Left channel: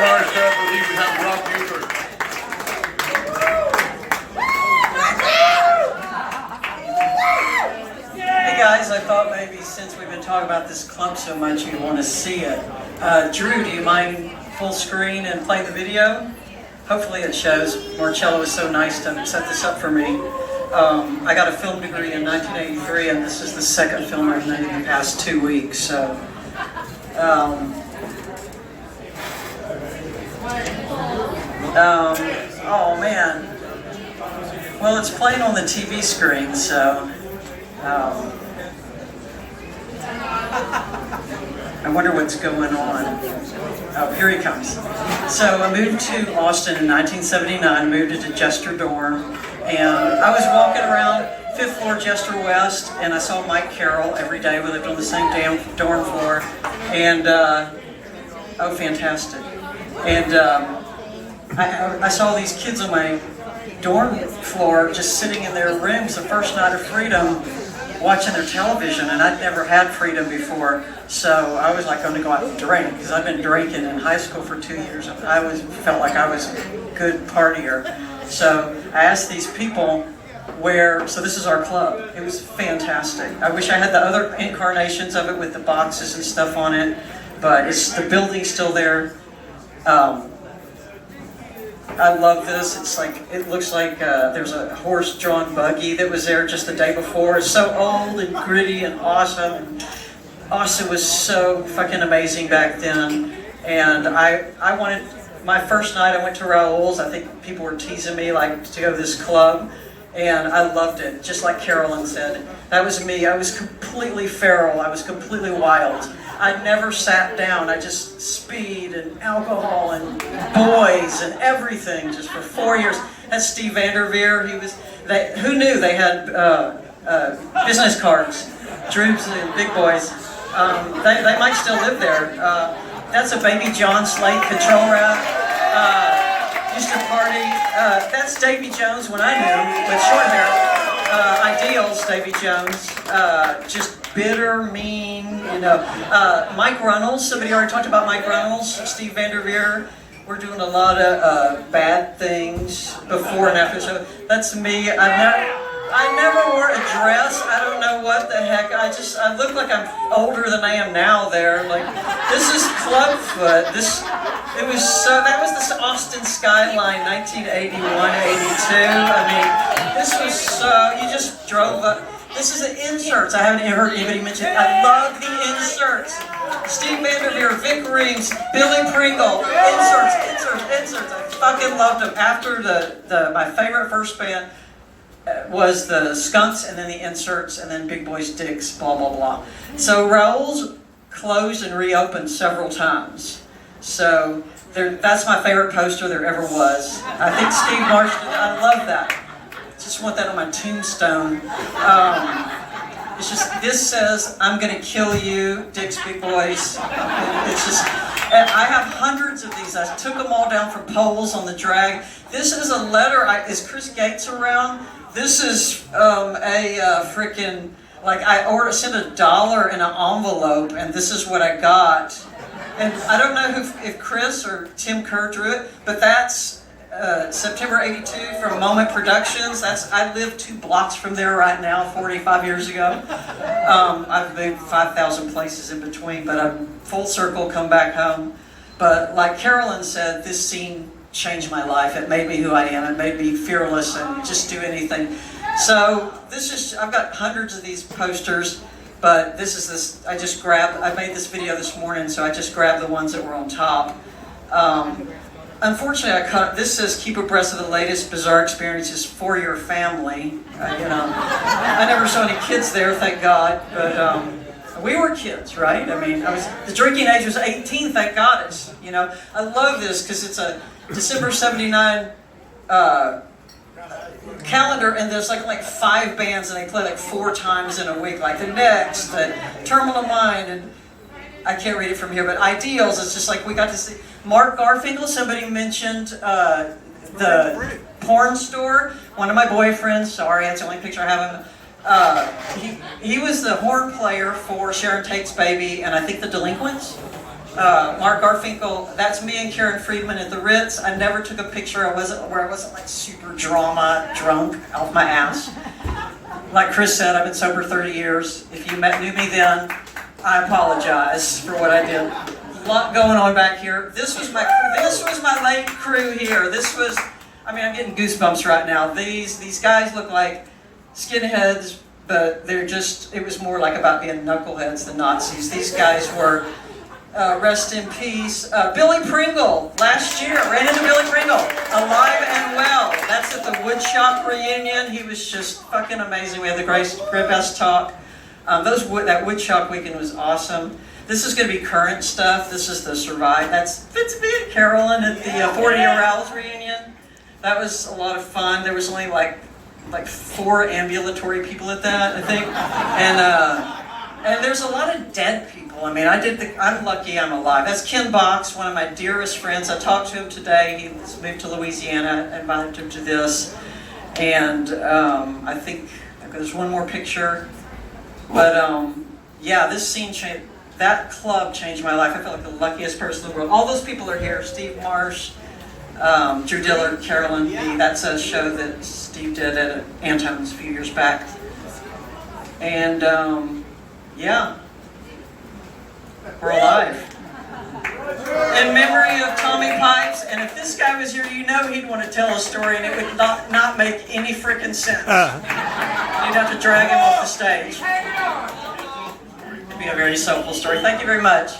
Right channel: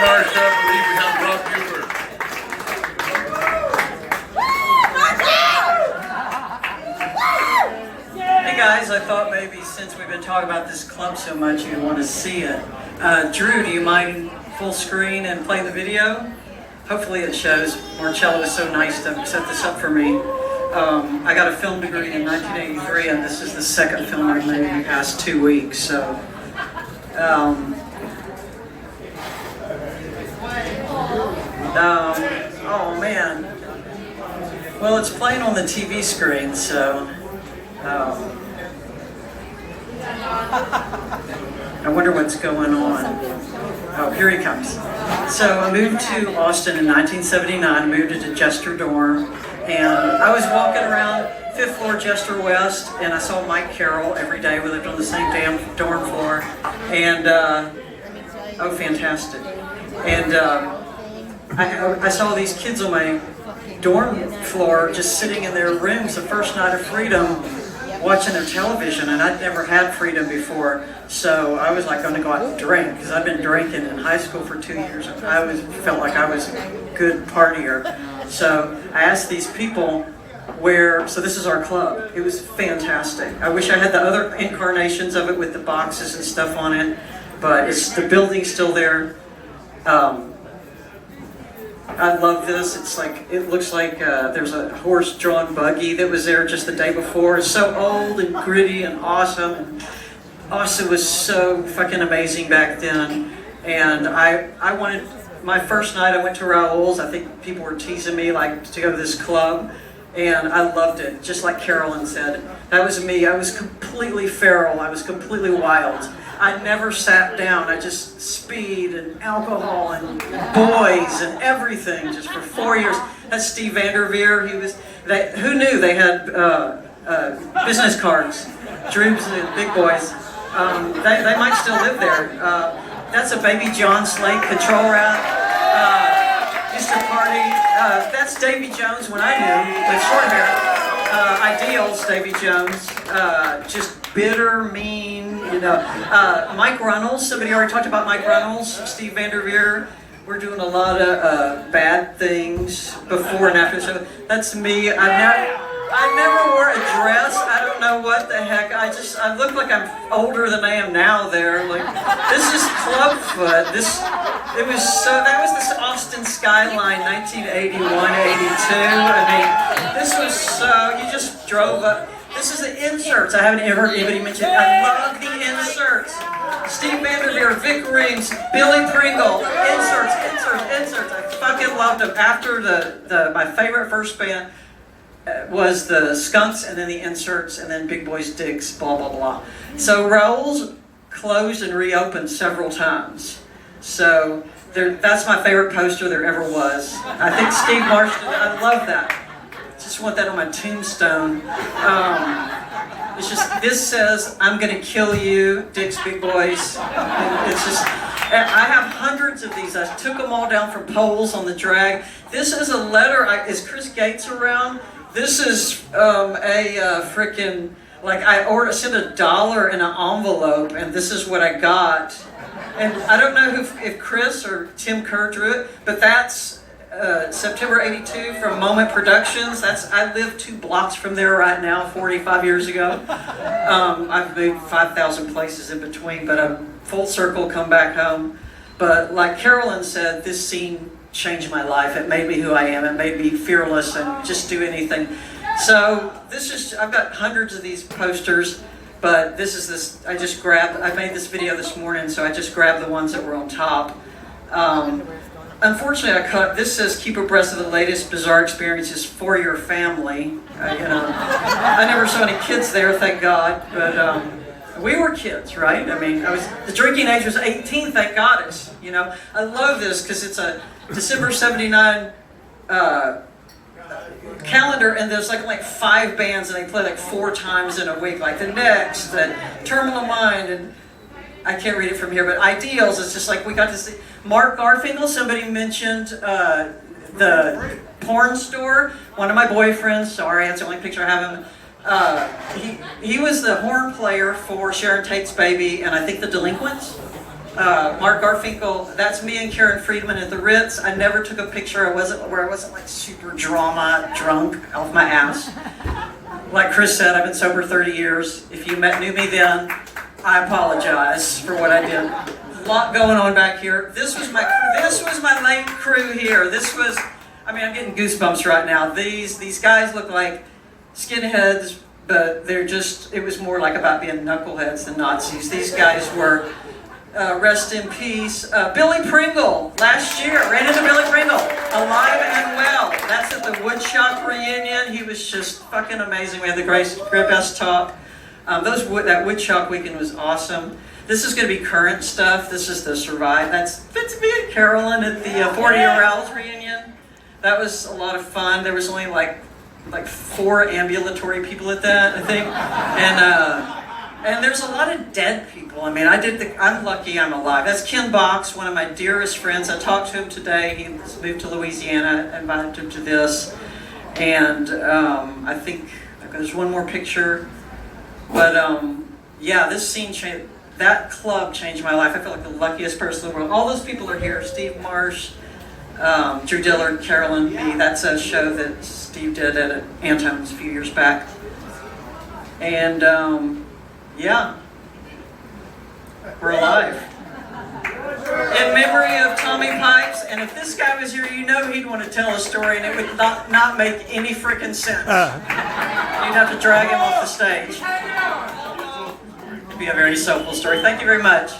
Marsha. I believe we have Rob Buford. Hey guys, I thought maybe since we've been talking about this club so much, you'd want to see it. Drew, do you mind full screen and playing the video? Hopefully it shows. Marcello was so nice to set this up for me. I got a film degree in 1983, and this is the second film I've made in the past 2 weeks. So, oh man. Well, it's playing on the TV screen, so. I wonder what's going on. Oh, here he comes. So I moved to Austin in 1979, moved into Jester Dorm, and I was walking around 5th floor Jester West, and I saw Mike Carroll every day. We lived on the same damn dorm floor, and oh, fantastic. And I saw these kids on my dorm floor just sitting in their rooms the first night of freedom, watching their television, and I'd never had freedom before, so I was like going to go out and drink, because I've been drinking in high school for 2 years. I felt like I was a good partier. So I asked these people where, so this is our club. It was fantastic. I wish I had the other incarnations of it with the boxes and stuff on it, but the building's still there. I love this. It looks like there's a horse-drawn buggy that was there just the day before. It's so old and gritty and awesome. And Austin was so fucking amazing back then. And I wanted, my first night I went to Raoul's. I think people were teasing me like to go to this club. And I loved it, just like Carolyn said. That was me. I was completely feral. I was completely wild. I never sat down. I just speed and alcohol and boys and everything just for 4 years. That's Steve Vanderveer. Who knew they had business cards? Drew's the big boys. They might still live there. That's a baby John Slate patrol route. Used to party. That's Davy Jones when I knew, with short hair. Ideals, Davy Jones. Just bitter, mean, you know. Mike Runnels, somebody already talked about Mike Runnels. Steve Vanderveer. We're doing a lot of bad things before and after the show. That's me. I never wore a dress. I don't know what the heck. I look like I'm older than I am now there. Like, this is Clubfoot. That was this Austin skyline, 1981, 82. I mean, this was, you just drove up. This is the inserts. I haven't heard anybody mention it. I love the inserts. Steve Vanderveer, Vic Reams, Billy Pringle, inserts. I fucking loved them. After my favorite first band was the Skunks, and then the Inserts, and then Big Boys Dicks, blah, blah, blah. So Raoul's closed and reopened several times. So that's my favorite poster there ever was. I think Steve Marsha, I love that. Just want that on my tombstone. It's just, this says, I'm gonna kill you, Dick's Big Boys. It's just, I have hundreds of these. I took them all down from poles on the drag. This is a letter, is Chris Gates around? This is a frickin', like I sent $1 in an envelope, and this is what I got. And I don't know if Chris or Tim Kerr drew it, but that's September 82 from Moment Productions. I live 2 blocks from there right now, 45 years ago. I've moved 5,000 places in between, but I'm full circle, come back home. But like Carolyn said, this scene changed my life. It made me who I am. It made me fearless and just do anything. So I've got hundreds of these posters, but I made this video this morning, so I just grabbed the ones that were on top. Unfortunately, this says keep abreast of the latest bizarre experiences for your family. I never saw any kids there, thank God, but we were kids, right? I mean, the drinking age was 18, thank God. I love this because it's a December 79 calendar, and there's like 5 bands, and they play like 4 times in a week, like the Next, the Terminal Mind, and I can't read it from here, but Ideals, it's just like we got to see Mark Garfinkel. Somebody mentioned the porn store. One of my boyfriends, sorry, that's the only picture I have of him. He was the horn player for Sharon Tate's Baby, and I think the Delinquents. Mark Garfinkel. That's me and Karen Friedman at the Ritz. I never took a picture. I wasn't like super drunk off my ass. Like Chris said, I've been sober 30 years. If you knew me then, I apologize for what I did. A lot going on back here. This was my late crew here. I'm getting goosebumps right now. These guys look like skinheads, but it was more like about being knuckleheads than Nazis. These guys were, rest in peace, Billy Pringle, last year, right into Billy Pringle, alive and well. That's at the Woodshop reunion. He was just fucking amazing. We had the great best talk. That Woodshop weekend was awesome. This is going to be current stuff. This is the Survive. That's me and Carolyn at the 40 Year Owls reunion. That was a lot of fun. There was only like 4 ambulatory people at that, I think. And there's a lot of dead people. I'm lucky I'm alive. That's Ken Box, one of my dearest friends. I talked to him today. He's moved to Louisiana. I invited him to this. And I think there's one more picture. But this scene changed. That club changed my life. I feel like the luckiest person in the world. All those people are here. Steve Marsh, Drew Dillard, Carolyn. That's a show that Steve did at Antone's a few years back. And we're alive. In memory of Tommy Pipes, and if this guy was here, he'd want to tell a story, and it would not make any freaking sense. You'd have to drag him off the stage. It'd be a very soulful story. Thank you very much.